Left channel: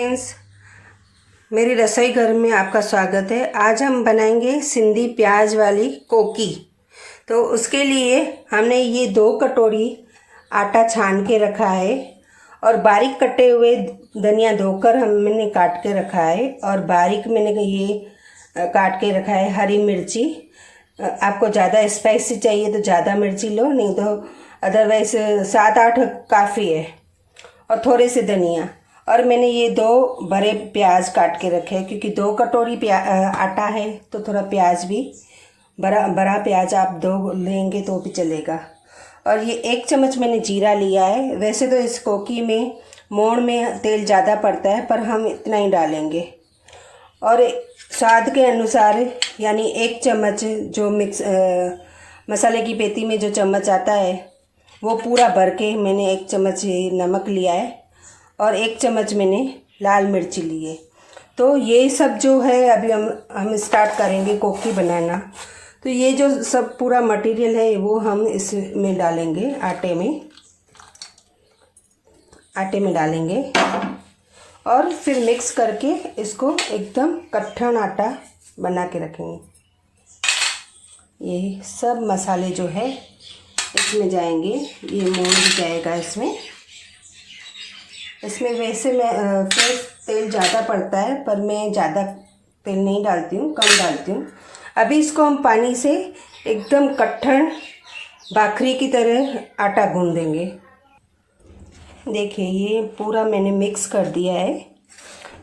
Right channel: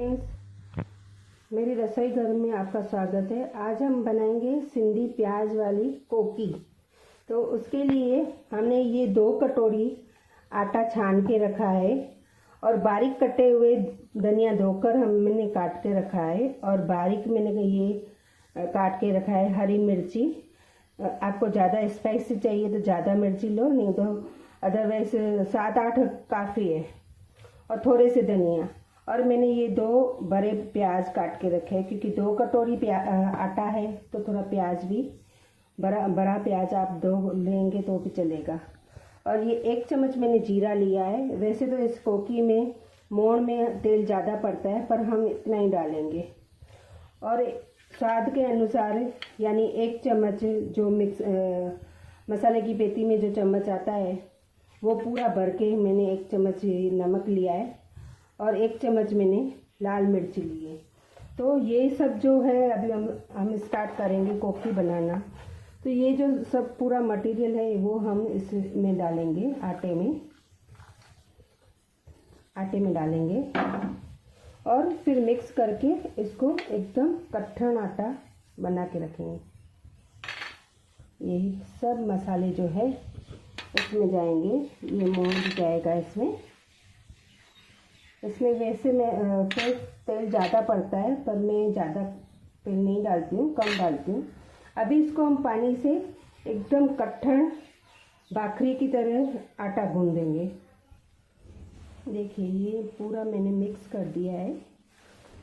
Friends, मेरी रसोई घर में आपका स्वागत है। आज हम बनाएंगे सिंधी प्याज वाली कोकी। तो उसके लिए हमने ये 2 कटोरी आटा छान के रखा है और बारीक कटे हुए धनिया धोकर मैंने काट के रखा है और बारीक मैंने ये काट के रखा है हरी मिर्ची। आपको ज़्यादा स्पाइसी चाहिए तो ज़्यादा मिर्ची लो, नहीं तो अदरवाइज़ 7-8 काफ़ी है। और थोड़े से धनिया, और मैंने ये 2 बड़े प्याज काट के रखे हैं क्योंकि 2 कटोरी आटा है तो थोड़ा प्याज भी बड़ा प्याज आप 2 लेंगे तो भी चलेगा। और ये 1 चम्मच मैंने जीरा लिया है। वैसे तो इस कोकी में मोड़ में तेल ज़्यादा पड़ता है पर हम इतना ही डालेंगे। और स्वाद के अनुसार यानी 1 चम्मच जो मसाले की पेटी में जो चम्मच आता है वो पूरा भर के मैंने 1 चम्मच नमक लिया है और 1 चम्मच मैंने लाल मिर्ची ली है। तो ये सब जो है अभी हम स्टार्ट करेंगे कोकी बनाना। तो ये जो सब पूरा मटेरियल है वो हम इसमें डालेंगे, आटे में डालेंगे और फिर मिक्स करके इसको एकदम कट्ठन आटा बना के रखेंगे। ये सब मसाले जो है इसमें जाएंगे, ये मोड़ भी जाएगा इसमें वैसे मैं तेल ज़्यादा पड़ता है पर मैं ज़्यादा तेल नहीं डालती हूँ, कम डालती हूँ। अभी इसको हम पानी से एकदम कट्ठन भाखरी की तरह आटा गूँध देंगे। देखिए ये पूरा मैंने मिक्स कर दिया है।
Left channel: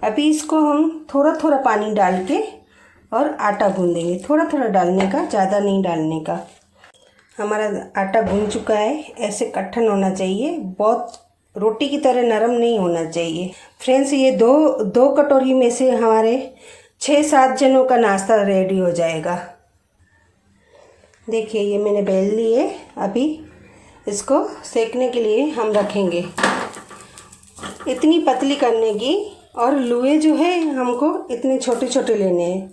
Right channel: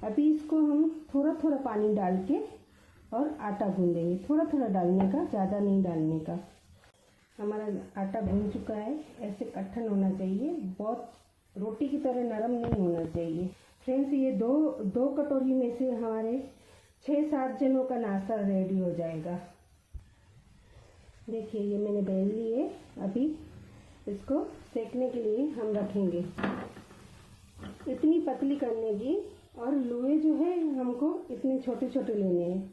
अभी इसको हम थोड़ा थोड़ा पानी डाल के और आटा गूँधेंगे, थोड़ा थोड़ा डालने का, ज़्यादा नहीं डालने का। हमारा आटा गूँध चुका है। ऐसे कट्ठन होना चाहिए, बहुत रोटी की तरह नरम नहीं होना चाहिए। फ्रेंड्स, ये दो कटोरी में से हमारे 6-7 जनों का नाश्ता रेडी हो जाएगा। देखिए ये मैंने बेल ली है। अभी इसको सेकने के लिए हम रखेंगे। इतनी पतली करने की, और लुए जो है हमको इतने छोटे छोटे लेने हैं।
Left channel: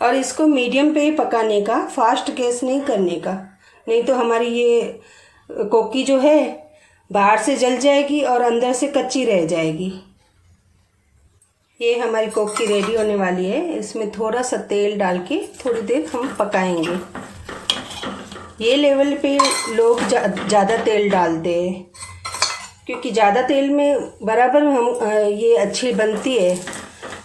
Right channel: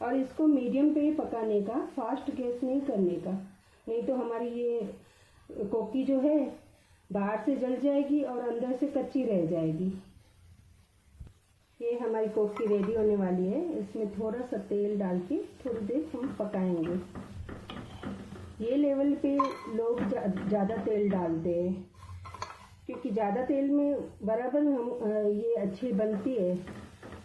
और इसको मीडियम पे पकाने का, फास्ट गैस नहीं करने का, नहीं तो हमारी ये कोकी जो है बाहर से जल जाएगी और अंदर से कच्ची रह जाएगी। ये हमारी कोकी रेडी होने वाली है। इसमें थोड़ा सा तेल डाल के थोड़ी देर हम पकाएंगे। ये लेवल पे लोग ज़्यादा तेल डालते हैं क्योंकि ज़्यादा तेल में बराबर हम ये अच्छी बनती है,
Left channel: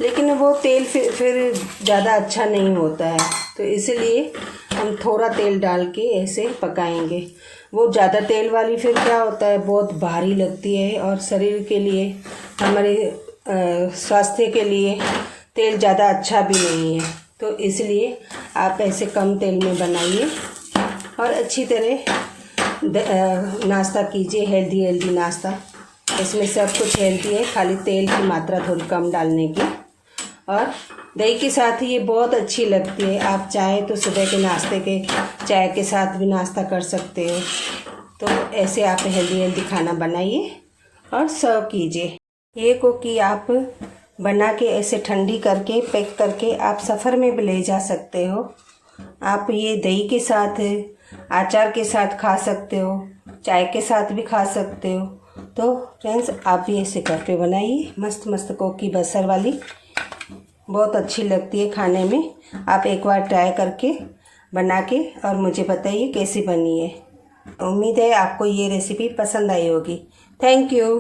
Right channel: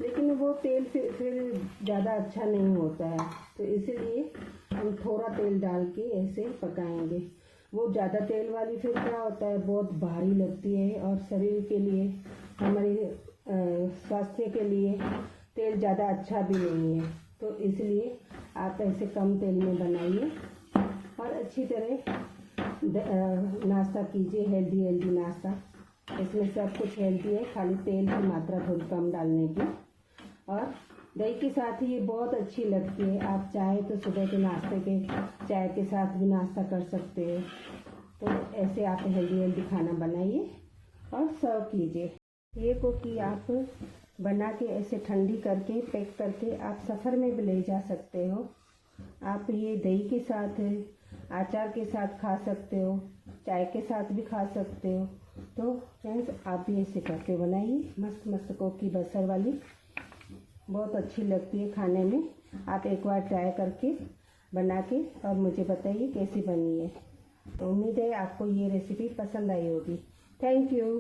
लेकिन वो तेल फिर ज़्यादा अच्छा नहीं होता है। तो इसलिए हम थोड़ा तेल डाल के ऐसे पकाएंगे। वो ज़्यादा तेल वाली फिर क्या होता है, बहुत भारी लगती है और शरीर के लिए, हमारे स्वास्थ्य के लिए तेल ज़्यादा अच्छा भी नहीं है। तो इसलिए आप ऐसे कम तेल में बनाइए और अच्छी तरह नाश्ता कीजिए, हेल्दी नाश्ता। इसमें सब कुछ हेल्दी है, खाली तेल की मात्रा थोड़ी कम डालने की। और दही के साथ ये बहुत अच्छी लगती है। आप चाहे तो सुबह के नाश्ते के चाय के साथ भी नाश्ता कर सकते हो। तो ऐसे आप हेल्दी खाना बनाइए और सर्व कीजिए। ये कोकी आप बना के ऐसे ठंडी करके पैक करके आप सफ़र में भी ले जा सकते हो। आप ये दही के साथ, अचार के साथ खा सकते हो, चाय के साथ भी खा सकते हो। तो फ्रेंड्स, आप भी ऐसे घर पे बनाइए। मस्त मस्त कोकी बसर वाली बहुत अच्छी लगती है खाने में। आप एक बार ट्राई करके बना के और मुझे बताइए कैसी बनी है। उम्मीद है आपको ये रेसिपी पसंद आई होगी। Thank you.